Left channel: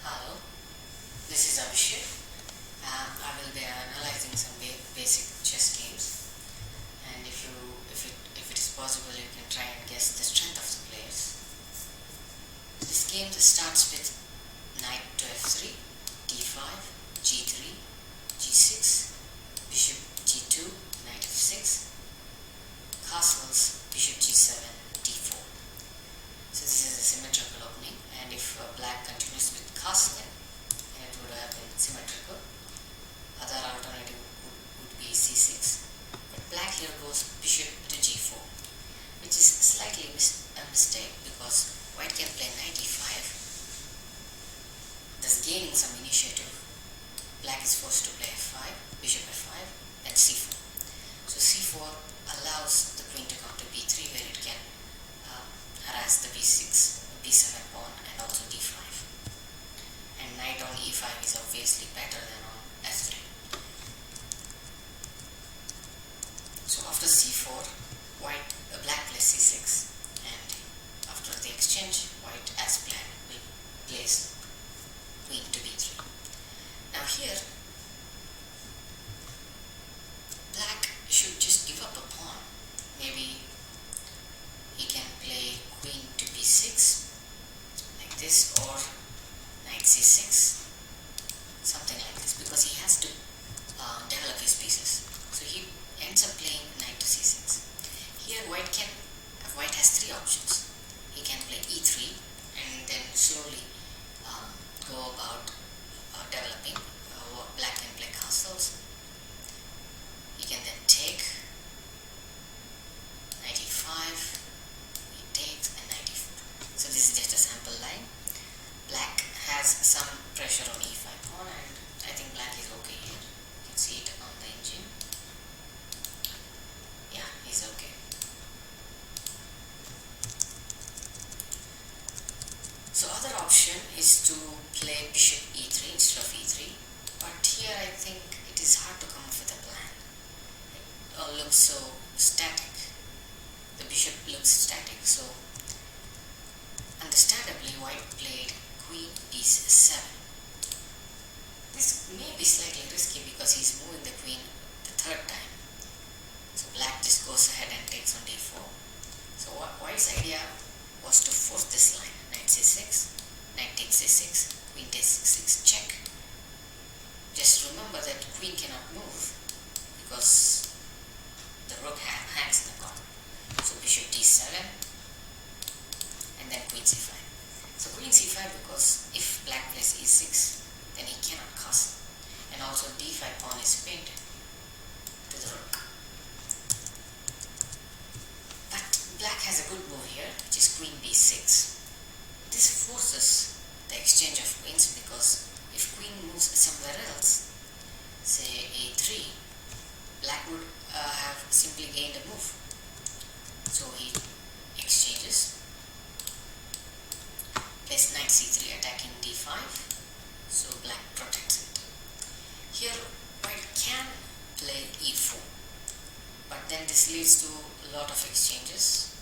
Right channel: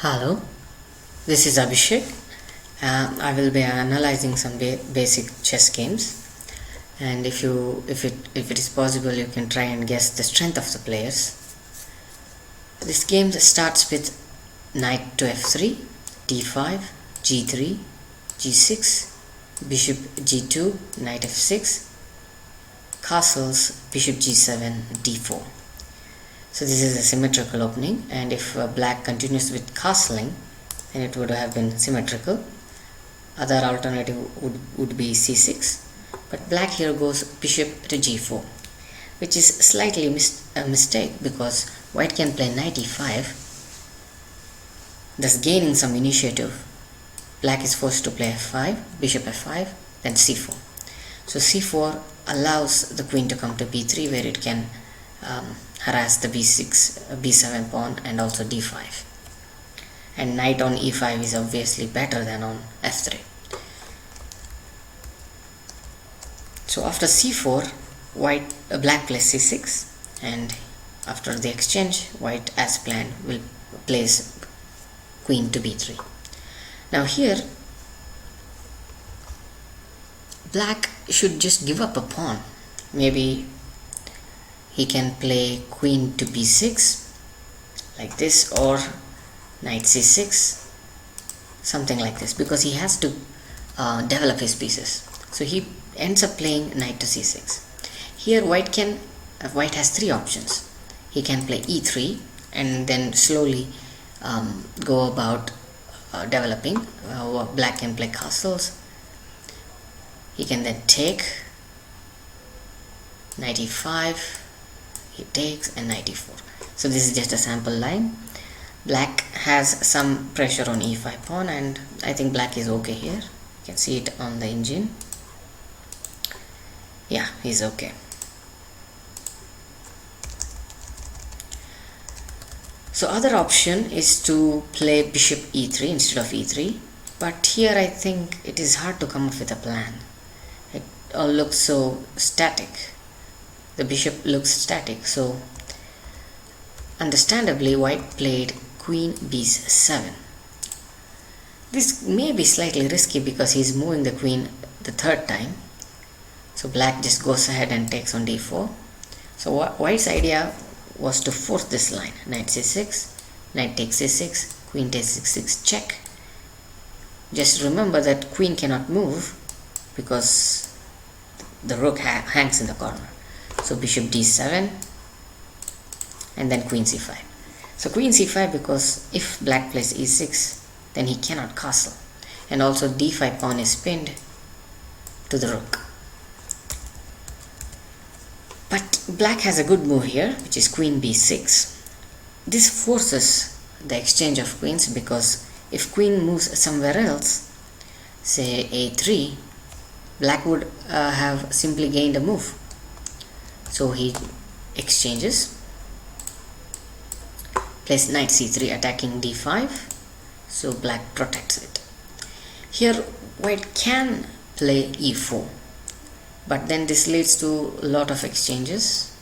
Hello, this is Abhishek. I will be analyzing some basic chess games, and if it is possible, you can try and guess the strength of the players. This game starts with knight to f3, d5, g3, g6, bishop g2, knight f6, castles, bishop g7, d4. So this is a symmetrical opening, and if black continues with castling, then it would have been symmetrical. Other alternative would be c6, but black here goes bishop to g4, which is slightly a mistake because white can play knight e5, thus gaining some initiative. Black is forced to play f5, bishop f5, then c4. So c4 allows the queen to come to b3, where it can harass the b6, b7 pawn and also d5. And knight on e5 is obviously better than on f3. So after c4, black plays c6, and after the exchange, white as planned will place queen to b3. Now here, black should just give up a pawn. Maybe he can play queen to b6 like this, or knight c6, something like this, because he has to develop his pieces. So he ends up playing knight to c6. Here white has three options. He can play e3 and then slowly go about developing. Black can play castles. He can then take knight e5, he takes, and knight e4. So this is just a sample line. Black has some pressure on e5 pawn, and I think black is okay here. You can see it on the engine. Yeah, he's okay. So other option is to play bishop e3 instead of e3, but here I think it is hard to come up with a plan. It all looks so static. The bishop looks static, so understandably white played queen b7. This may be slightly risky because he's moving the queen the third time. So black just goes ahead and takes on d4. So white's idea was to force this line. Knight c6, knight takes c6, queen takes c6, check. Just remember that queen cannot move because the rook hangs in the corner. So bishop d7 and then queen c5. So queen c5, because if black plays e6, then he cannot castle, and also d5 pawn is pinned to the rook. But black has a good move here, which is queen b6. This forces the exchange of queens, because if queen moves somewhere else, say a3, black would have simply gained a move. So he exchanges, plays knight c3 attacking d5, so black protects it. Here white can play e4, but then this leads to a lot of exchanges,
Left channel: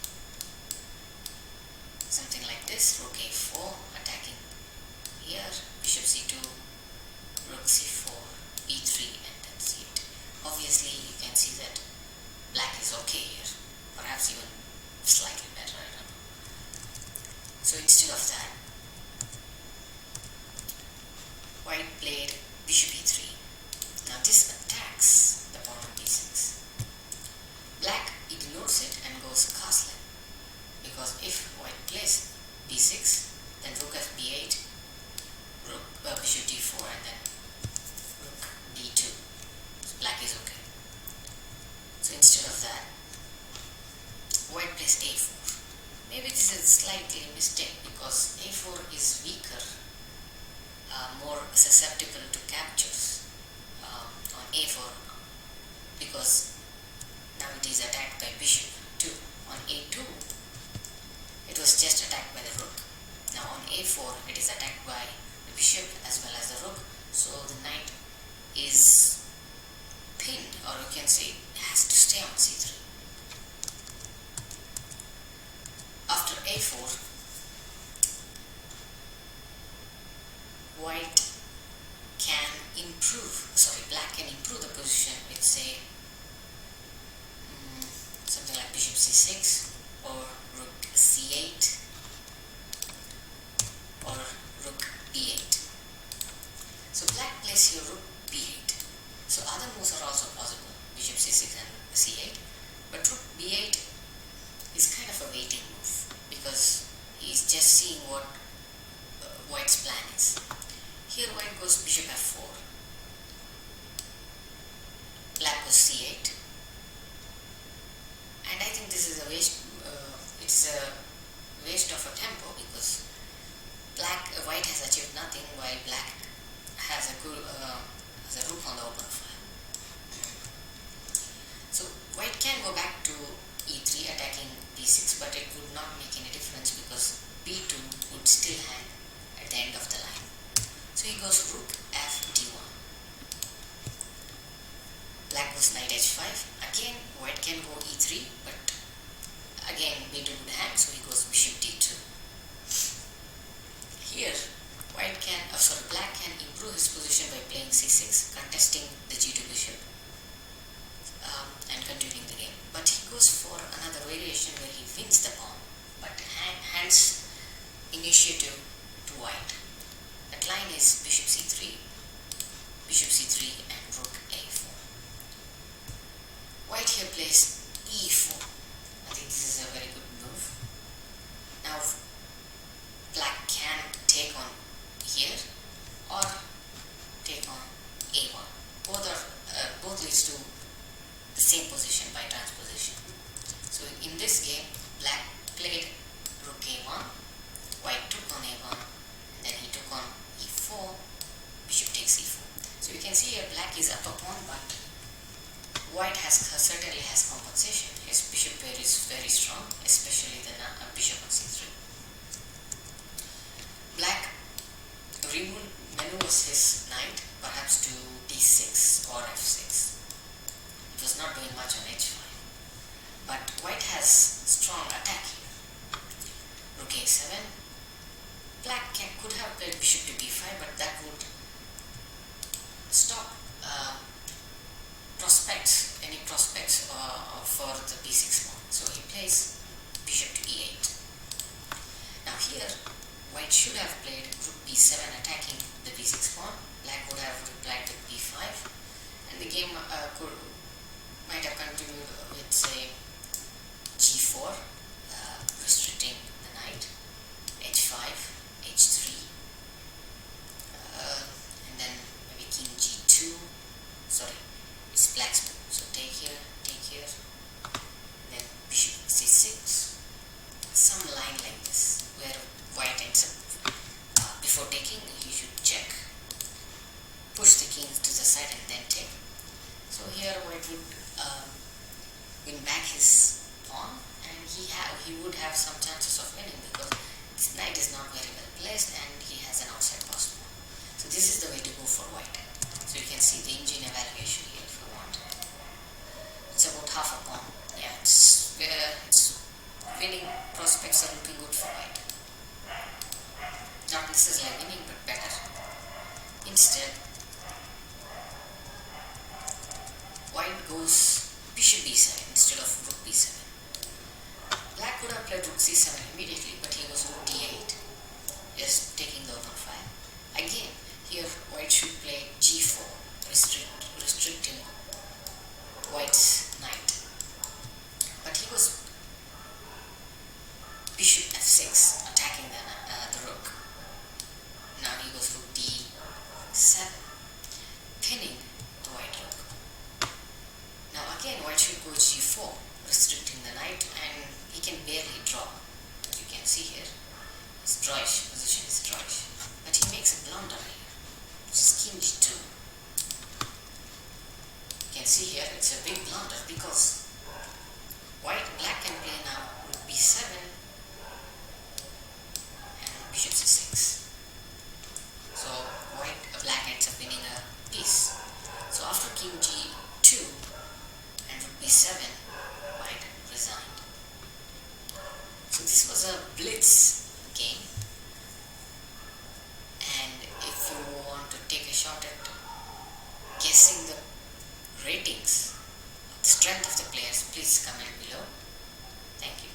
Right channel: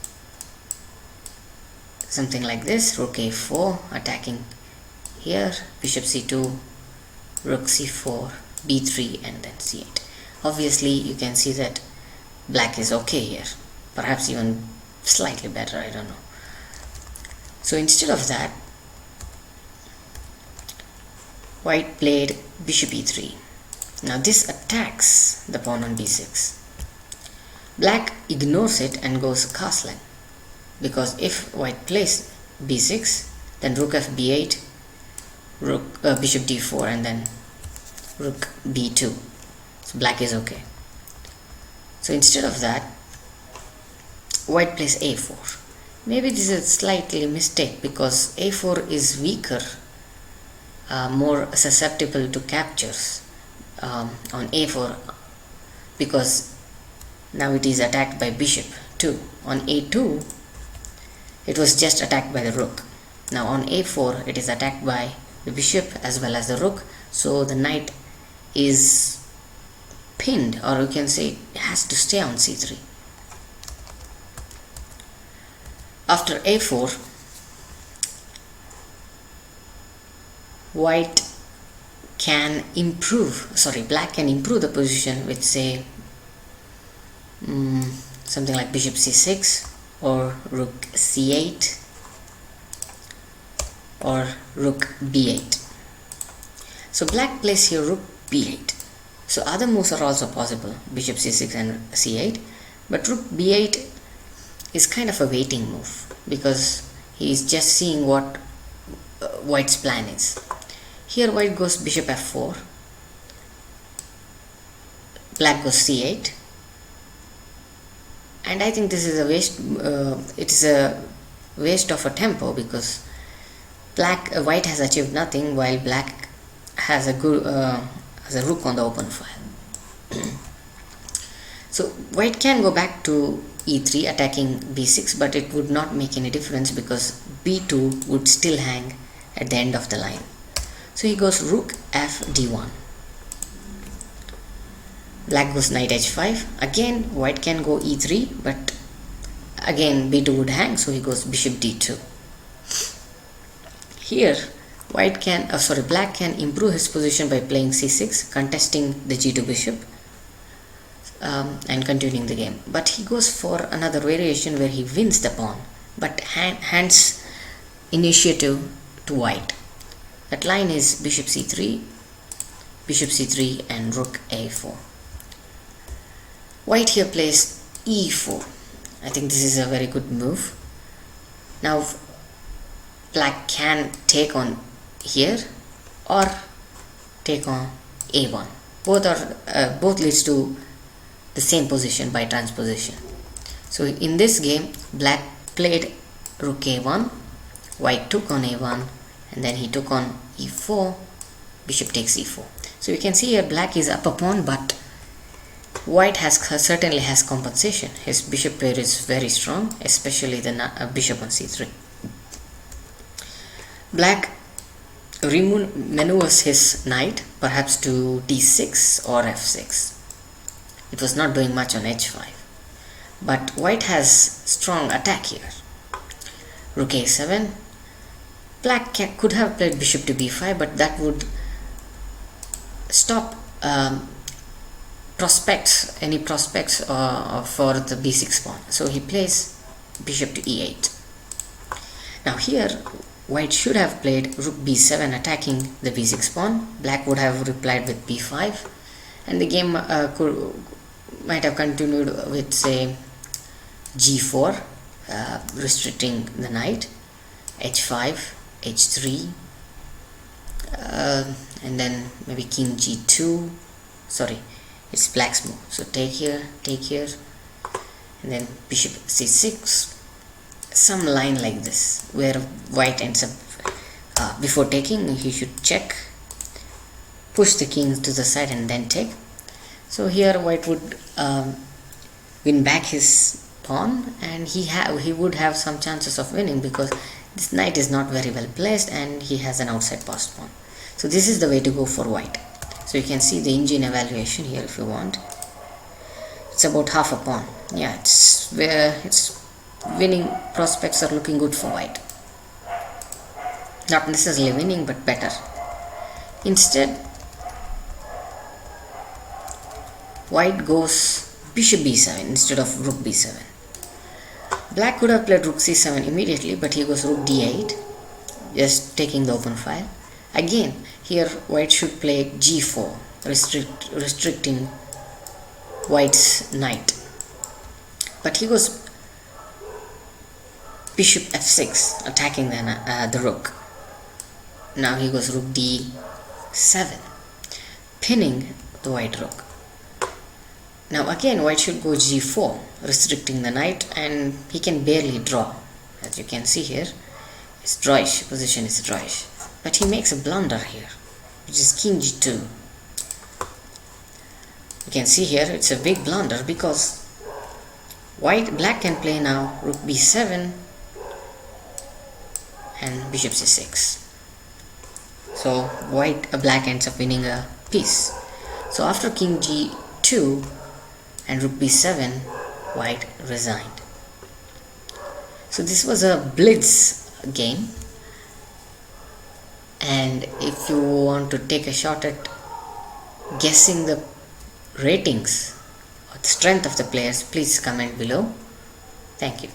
something like this: rook a4 attacking here, bishop c2, rook c4, b3, and then c8. Obviously you can see that black is okay here, perhaps even slightly better, I don't know. So instead of that, white played bishop e3. Now this attacks the pawn on b6. Black ignores it and goes castling, because if white plays b6, then rook f b8, bishop d4, and then rook b2. So black is okay. So instead of that, white plays a4. Maybe this is a slightly mistake, because a4 is weaker, more susceptible to captures on a4, because now it is attacked by bishop 2. On a2, it was just attacked by the rook. Now on a4, it is attacked by the bishop as well as the rook, so the knight is pinned, or you can say it has to stay on c3. After a4, white can improve, black can improve the position with, say, something like bishop c6 or rook c8 or rook b8. So black plays here rook b8. So other moves are also possible, bishop c6 and c8, but rook b8 is kind of a waiting move because he is just seeing what white's plan is. Here white goes bishop f4, black goes c8, and I think this is a waste. It is a waste of a tempo because white has achieved nothing while black has a rook on the open file. So white can go back to e3 attacking b6, but it would not make any difference because b2 would still hang at the end of the line. So he goes rook f d1. Black goes knight h5. Again white can go e3, but again b2 would hang, so he goes bishop d2. Here black can improve his position by playing c6, contesting the g2 bishop and continuing the game. But he goes for another variation where he wins the pawn but hands initiative to white. That line is bishop c3 and rook a4. White here plays e4. I think this is a very good move. Now black can take on here or take on a1. Both leads to the same position by transposition. So in this game black played rook a1, white took on a1, and then he took on e4, bishop takes e4. So you can see here black is up a pawn, but white certainly has compensation. His bishop pair is very strong, especially the bishop on c3. Black maneuvers his knight perhaps to d6 or f6. It was not doing much on h5, but white has strong attack here. Rook a7. Black could have played bishop to b5, but that would stop any prospects for the b6 pawn. So he plays bishop to e8. Now here white should have played rook b7 attacking the b6 pawn. Black would have replied with b5, and the game might have continued with, say, g4, restricting the knight, h5, h3, and then maybe king g2. It's black's move. So take here, and then bishop c6, some line like this where white ends up, before taking he should check, push the king to the side and then take. So here white would win back his pawn, and he would have some chances of winning because this knight is not very well placed and he has an outside passed pawn. So this is the way to go for white. So you can see the engine evaluation here if you want. It's about half a pawn. Yeah, it's winning prospects are looking good for white. Not necessarily winning, but better. Instead, white goes bishop b7 instead of rook b7. Black could have played rook c7 immediately, but he goes rook d8, just taking the open file. Again, here white should play g4, restricting white's knight. But he goes bishop f6, attacking the rook. Now he goes rook d7, pinning the white rook. Now again white should go g4, restricting the knight, and he can barely draw. As you can see here, his drawish position is drawish. But he makes a blunder here, which is king g2. You can see here it's a big blunder because black can play now rook b7 and bishop c6. So black ends up winning a piece. So after king g2 and rook b7, white resigned. So this was a blitz game, And if you want to take a shot at guessing the ratings or the strength of the players, please comment below. Thank you.